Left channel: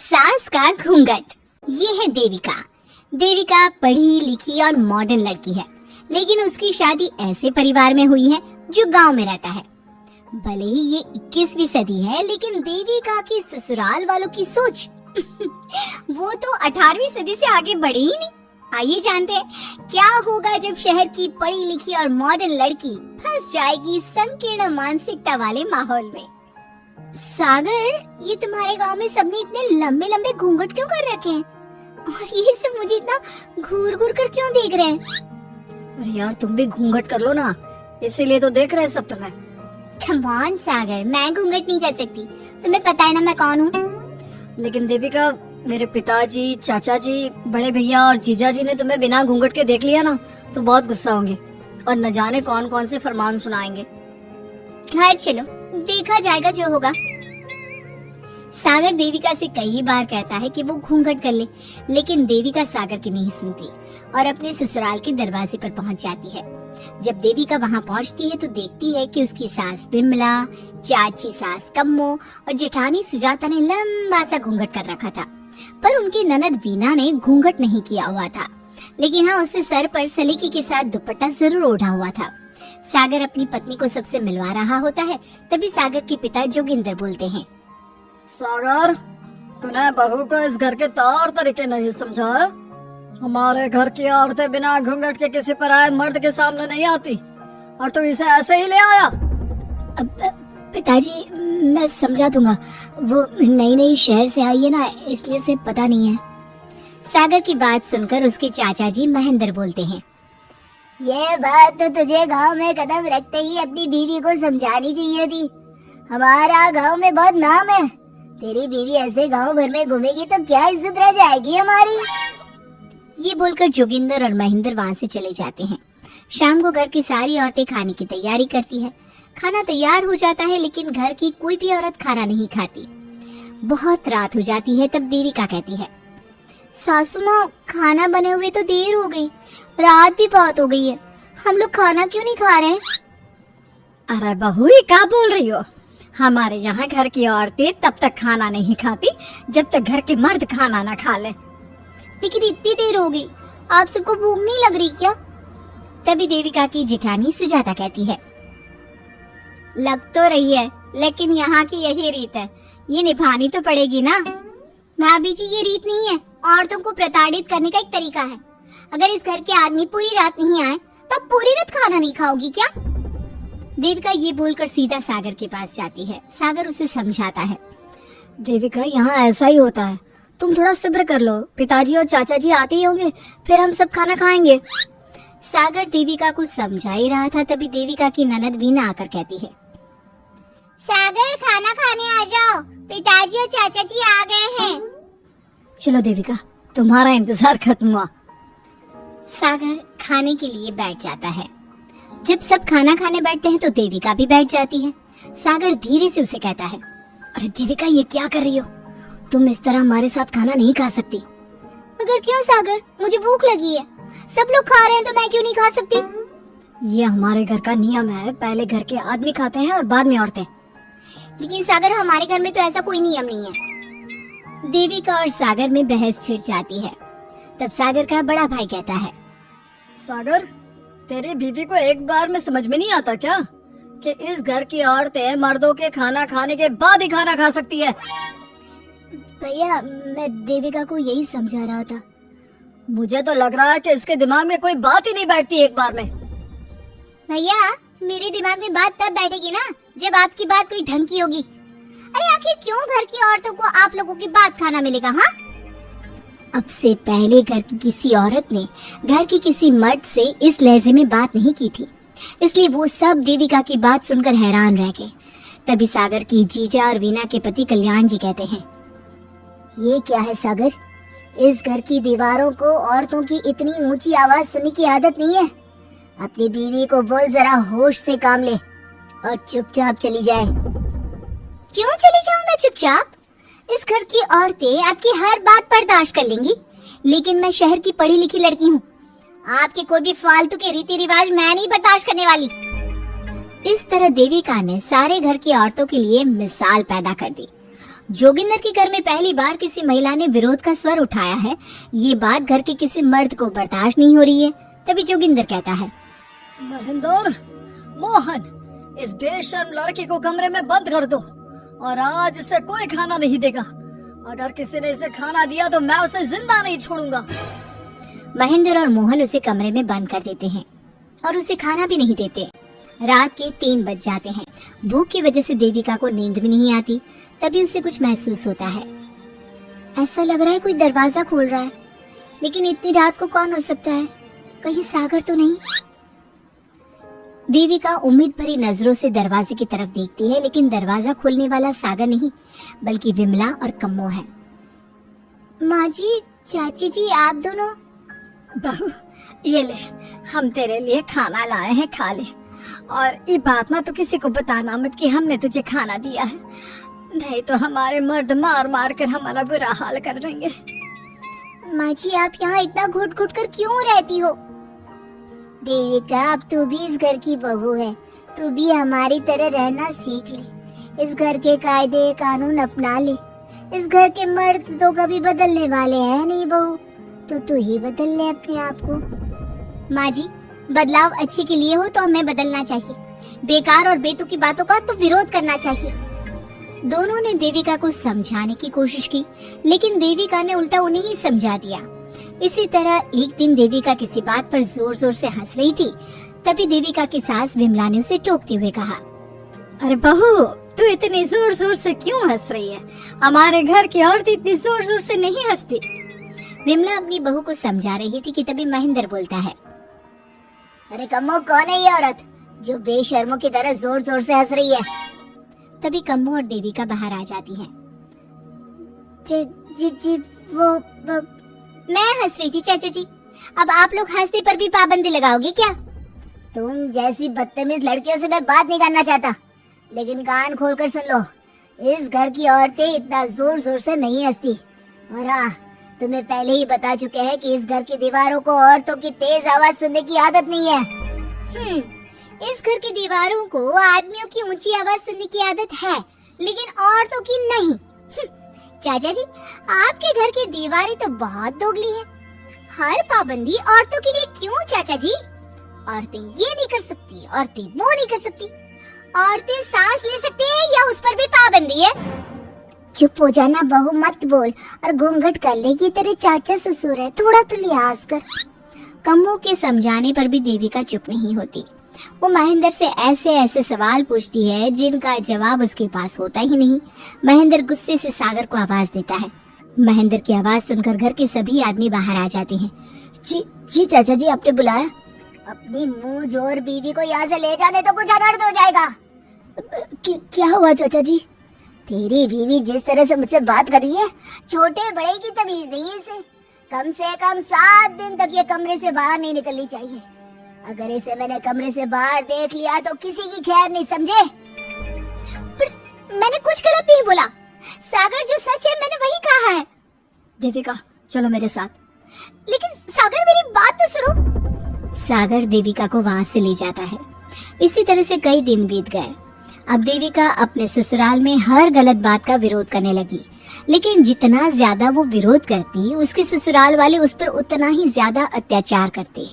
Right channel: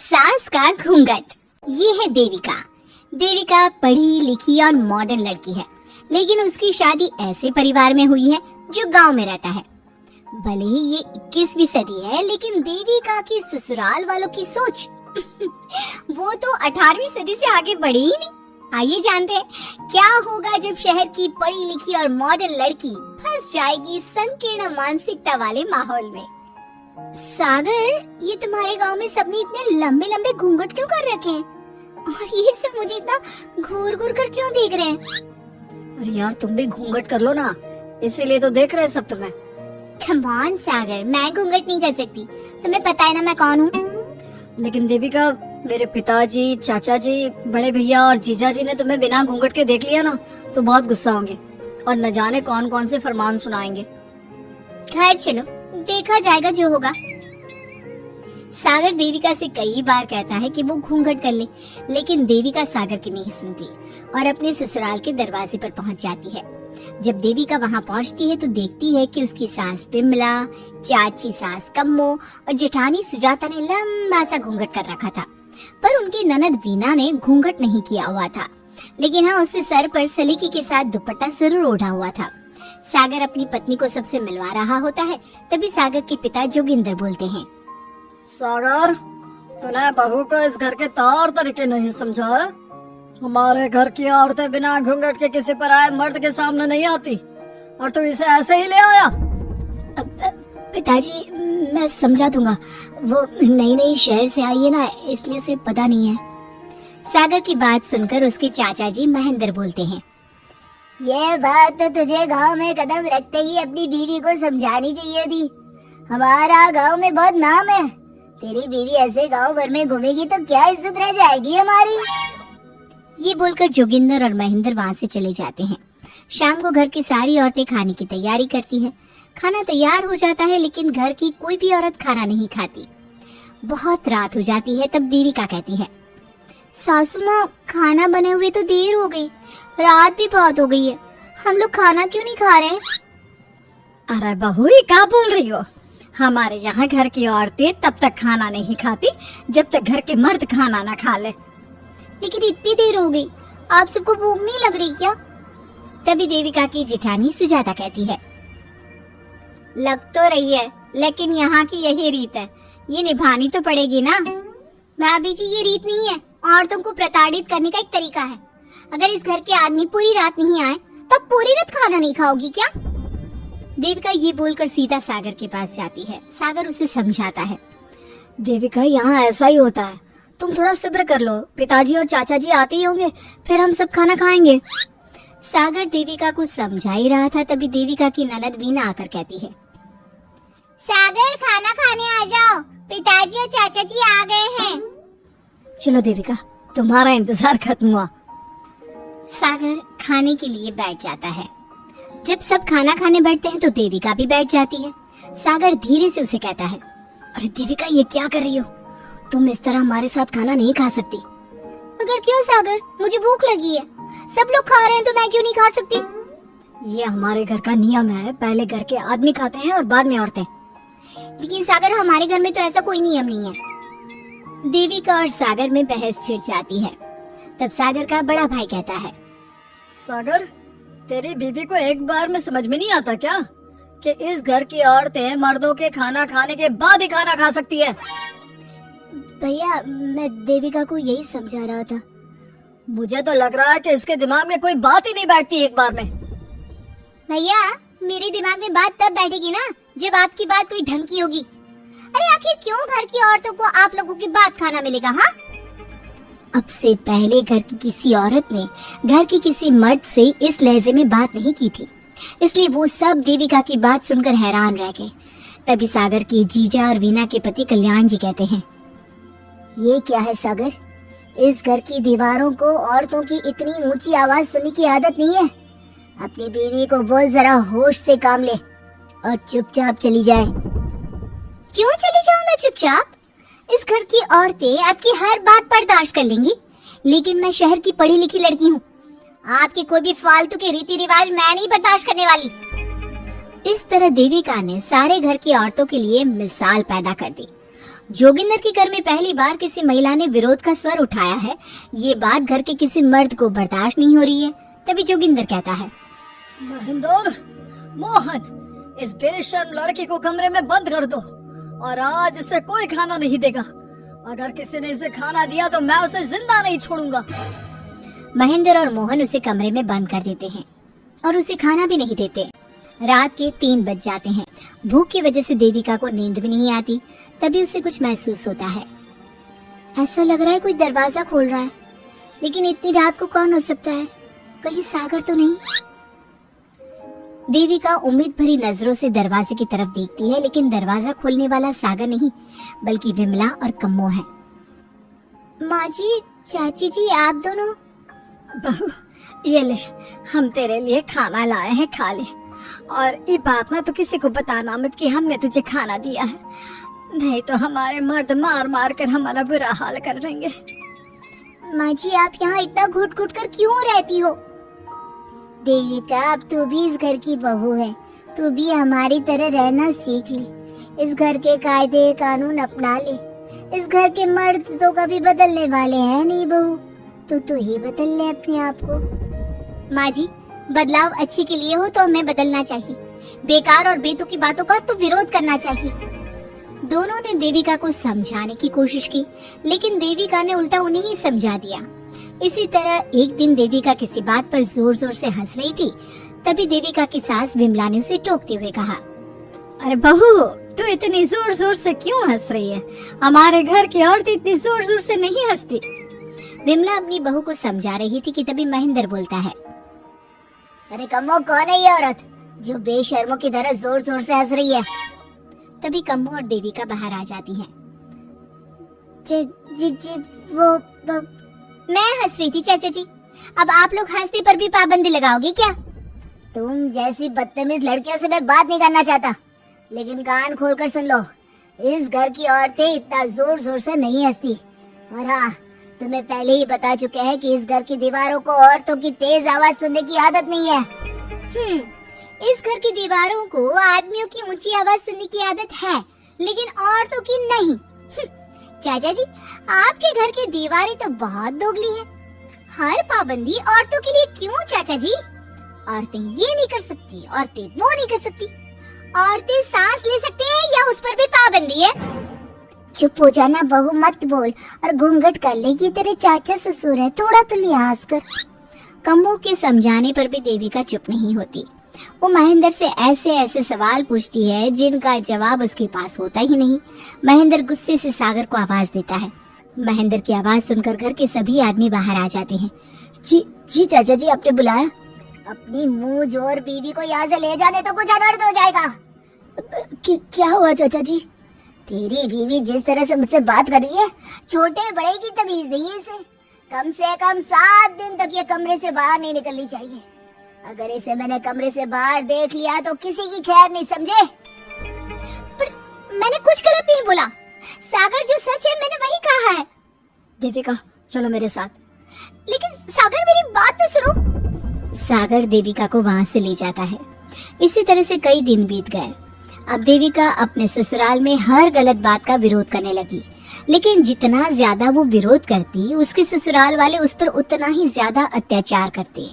सास का घूंघट। ये है देविका। देविका पढ़ी लिखी और मॉडर्न लड़की है, लेकिन उसकी शादी ऐसे परिवार में हुई है जो गांव में रहता है। भले ही ये 21वीं सदी है, लेकिन देविका की ससुराल वालों की सोच वो तो 18वीं सदी से आगे बढ़ी ही नहीं। आइए जानते हैं क्या होगा जब शहर की पढ़ी लिखी और मॉडर्न लड़की फंस जाएगी संकीर्ण मानसिकता वाले माहौल में। सागर, ये तुम्हारे गांव में सबने इतने लंबे लंबे घूंघट क्यों कर रखे हैं? और ये सब मुझे इतना घूर घूर कर क्यों देख रहे हैं? अरे यार, तुम भी घूंघट कर लो ना, इसीलिए तो देख रहे हैं सब तुम्हें। कम ऑन सागर, मैं घूंघट नहीं कर सकती। तुम्हें पता है ना मैं कौन हूँ। लेकिन देविका, मेरे पिताजी, चाचा जी, बड़े भैया और जीजा जी ने तुम्हें बिना घूंघट के देख लिया ना तो बहुत गुस्सा होंगे और न जाने कौन कौन से फरमान सुनाएंगे। खैर चलो, देखा जाएगा जो होगा। सागर देविका से कई बार कहता है कि वो घूंघट कर ले, लेकिन देविका सागर की नहीं सुनती और अपने ससुराल के दरवाजे पर पहुंच जाती है। जब देविका वहां पहुंचती है तो देखती है कि उसकी सास बिमला, चाची सास कम्मो और जेठानी सुजाता ने लंबा सा घूंघट कर रखा था, पर उनकी ननद वीना ने घूंघट नहीं किया हुआ था। लेकिन हाँ, उससे सर पर सलीके के साथ दुपट्टा जरूर ओढ़ा हुआ था। सागर अपनी पत्नी को सबसे मिलवा रहा होता है, तभी सागर के पिता जोगिंदर बोलते हैं, सागर, तूने बहू को इस घर के तौर तरीके नहीं समझा। हमारे घर की औरतें बिना घूंघट के किसी पर आए मर्द के सामने नहीं आती और तू इसे ऐसे ही ले आया। पिताजी, मैं समझा दूंगा। वो नई नई शहर से आई है ना, इसलिए उसे पता नहीं है। सागर की बात सुनकर उसके चाचा जी महेंद्र बोलते हैं, ये बात तो तुझे गांव में कदम रखते ही अपनी बीवी को समझानी चाहिए थी। हमारा गांव में बहुत नाम है। तेरी बीवी ऐसे गांव भर में घूमेगी तो क्या इज्जत रह जाएगी हमारी। ये बोलकर जोगिंदर और महेंद्र वहाँ से चले जाते हैं। शाम को घर की सारी औरतें खाने की तैयारी करती है। खाना तैयार हो जाता है, लेकिन घर की कोई भी औरत खाना नहीं खाती। बहुत रात हो जाती है, तब देविका कहती है, सासू माँ, खाना बने हुए तो देर हो गई, रात भी बहुत हो गई है, हम लोग खाना क्यों नहीं खा रहे? अरे बहू, ये क्या बोल रही हो? हमारे यहाँ घर की औरतें तब तक खाना नहीं खाती जब तक घर के मर्द खाना ना खा ले। लेकिन इतनी देर हो गई, आप सबको भूख नहीं लग रही क्या? तभी देविका की जेठानी सुजाता कहती है, लग तो रही है, लेकिन यहाँ की यही रीत है, ये निभानी तो पड़ेगी ना। भाभी जी, ये रीत नहीं है, औरतों को प्रताड़ित करने का एक तरीका है। अगर इस घर के आदमी पूरी रात नहीं आए तो पूरी रात खाना नहीं खाओगी क्या? देविका ये बोलकर सीधा सागर के पास जाती है। सागर उसे समझाता है, देविका, यहाँ ऐसा ही होता है, तुम थोड़ा सब्र कर लो, पिताजी और चाचा जी आते ही होंगे, फिर हम सब खाना खाएंगे। सागर देविका को समझा ही रहा था, तभी देविका की ननद वीना आकर कहती है, सागर, खाना खाने आ जाओ, पिताजी और चाचा जी आ गए हैं। चलो देविका, तुम्हारा इंतजार खत्म हुआ। सागर खाने के लिए बैठ जाता है। जब सब खाना खाने बैठते हैं तो देविका भी बैठ जाती है। सागर धीरे से उसे कहता है, अरे देविका, ये क्या कर रही हो? तुम इस तरह हमारे साथ खाना नहीं खा सकती। मगर क्यों सागर, मुझे भूख लगी है, सब लोग खा रहे हैं तो मैं क्यों नहीं खा सकती? ये हमारे घर का नियम है, पहले घर के आदमी खाते हैं और बाद में औरतें। लेकिन सागर, हमारे घर में तो ऐसा कोई नियम नहीं है। देविका और सागर में बहस छिड़ जाती है। तब सागर का बड़ा भाई कहता है, सागर, तेरी बीवी को एक बार में समझ में नहीं आता क्या कि इस घर की औरतें मर्दों के खाना खाने के बाद ही खाना खा सकती है? भैया, मैं देविका को यही समझा रहा था। मुझे तो लग रहा है कि इसके दिमाग में कोई बात ही नहीं बैठती एक बार में। भैया, मेरे दिमाग में बात तब बैठेगी ना जब आपकी बात कोई ढंग की होगी। अरे आखिर क्यों घर की औरतों को आप लोगों के बाद खाना मिलेगा? हाँ, अब से पहले घर की किसी औरत ने घर के किसी मर्द से इस लहजे में बात नहीं की थी, इसलिए वो सब देविका की बात सुनकर हैरान रह गए। तभी सागर के जीजा और वीना के पति कल्याण जी कहते हैं, ये क्या है सागर, इस घर की दीवारों को औरतों की इतनी ऊंची आवाज सुनने की आदत नहीं है। अपनी बीवी को बोल जरा होश से काम ले और चुपचाप चली जाए। क्यों चली जाऊं मैं चुपचाप? इस घर की औरतें आपकी हर बात बर्दाश्त कर लेंगी, लेकिन मैं शहर की पढ़ी लिखी लड़की हूँ। आपके कोई भी फालतू के रीति रिवाज मैं नहीं बर्दाश्त करने वाली। इस तरह देविका ने सारे घर की औरतों के लिए मिसाल पैदा कर दी। जोगिंदर के घर में पहली बार किसी महिला ने विरोध का स्वर उठाया है, ये बात घर के किसी मर्द को बर्दाश्त नहीं हो रही है। तभी जोगिंदर कहता है, महेंद्र, मोहन, इस बेशर्म लड़की को कमरे में बंद कर दो और आज इसे कोई खाना नहीं देगा। अगर किसी ने इसे खाना दिया तो मैं उसे जिंदा नहीं छोड़ूंगा। महेंद्र और मोहन उसे कमरे में बंद कर देते हैं और उसे खाना भी नहीं देते। रात के 3 बज जाते हैं। भूख की वजह से देविका को नींद भी नहीं आती। तभी उसे कुछ महसूस होता है। ऐसा लग रहा है कोई दरवाजा खोल रहा है, लेकिन इतनी रात को कौन हो सकता है? कहीं सागर तो नहीं? देविका उम्मीद भरी नजरों से दरवाजे की तरफ देखती है, लेकिन दरवाजा खोलने वाला सागर नहीं बल्कि विमला और कम्मो है। माँ जी, चाची जी, आप दोनों। बहू, ये ले, हम तेरे लिए खाना लाए हैं, खा ले। और ये बात ना तो किसी को बताना मत कि हमने तुझे खाना दिया है, नहीं तो हमारे मर्द मार मार कर हमारा बुरा हाल कर देंगे। माँ जी, आप यहाँ इतना घुट घुट कर क्यों रहती हो? देविका, अब तू भी इस घर की बहू है, तू भी हमारी तरह रहना सीख ले। इस घर के कायदे कानून अपना ले। इस घर के मर्द तो कभी बदलने वाले हैं नहीं बहू, तो ही बदल ले अपने आप को। माँ जी, बदलाव अच्छे के लिए हो तो हमें बदलना चाहिए। बेकार और बेतुकी बातों का तो विरोध करना चाहिए। दोनों ने देविका को समझाने की कोशिश की, लेकिन देविका ने उल्टा उन्हें ही समझा दिया। इसी तरह एक दिन देविका किसी बात पर जोर जोर से हंस रही थी। तभी देविका की सास विमला ने उसे टोकते हुए कहा, अरे बहू, तू इतनी जोर जोर से क्यों हंस रही है? हमारे घर की औरत इतनी जोर जोर से नहीं हंसती। विमला अपनी बहू को समझा रही थी कि तभी महेंद्र बोलता है, अरे कम्मो, कौन है ये औरत जो बेशर्मों की तरह जोर जोर से हंस रही है? तभी कम्मो और देविका बाहर आ जाती हैं। जी वो मैं हंस रही थी चाचा जी। अब आप लोग हंसने पर भी पाबंदी लगाओगी क्या? तुम जैसी बदतमीज लड़कियों से मैं बात नहीं करना चाहता, लेकिन कान खोलकर सुन लो, इस घर की औरतें इतना जोर जोर से नहीं हंसती। और हाँ, तुम्हें पहले ही बता चुके हैं कि इस घर की दीवारों को औरतों की तेज आवाज सुनने की आदत नहीं है। इस घर की दीवारों को आदमियों की ऊंची आवाज सुनने की आदत है, लेकिन औरतों की नहीं। चाचा जी, आपके घर की दीवारें तो बहुत दोगली हैं। हर पाबंदी औरतों के लिए क्यों चाचा जी? औरतें ये नहीं कर सकती, औरतें वो नहीं कर सकती। औरतें सांस ले सकती हैं या उस पर भी पाबंदी है? चुप हो जाना बहू, मत बोल और घूंघट कर ले, ये तेरे चाचा ससुर है, थोड़ा तो लिहाज कर। कम्मो के समझाने पर भी देविका चुप नहीं होती। वो महेंद्र से ऐसे ऐसे सवाल पूछती है जिनका जवाब उसके पास होता ही नहीं। महेंद्र गुस्से से सागर को आवाज देता है। महेंद्र की आवाज सुनकर घर के सभी आदमी बाहर आ जाते हैं। जी चाचा जी, आपने बुलाया? अपनी मुंह जोर बीवी को यहाँ से ले जाने तो कुछ अनर्थ हो जाएगा। क्या हुआ चाचा जी? तेरी बीवी जिस तरह से मुझसे बात कर रही है, छोटे बड़े की तमीज नहीं है इसे। कम से कम 7 दिन तक ये कमरे से बाहर नहीं निकलनी चाहिए। अगर इसे मैंने कमरे से बाहर देख लिया तो किसी की खैर नहीं, समझे? पर मैंने कुछ गलत नहीं बोला। सागर, जो सच है मैंने वही कहा है। देविका, चलो मेरे साथ। लेकिन सागर, मेरी बात तो सुनो। सागर देविका को वहाँ से ले जाता है। इसी तरह से कई दिन बीत गए। अब देविका अपने ससुराल में हर गलत बात का विरोध करने लगी, लेकिन जितना ज्यादा वो विरोध करती, उसके ससुराल वाले उस पर उतना ही ज्यादा अत्याचार करते।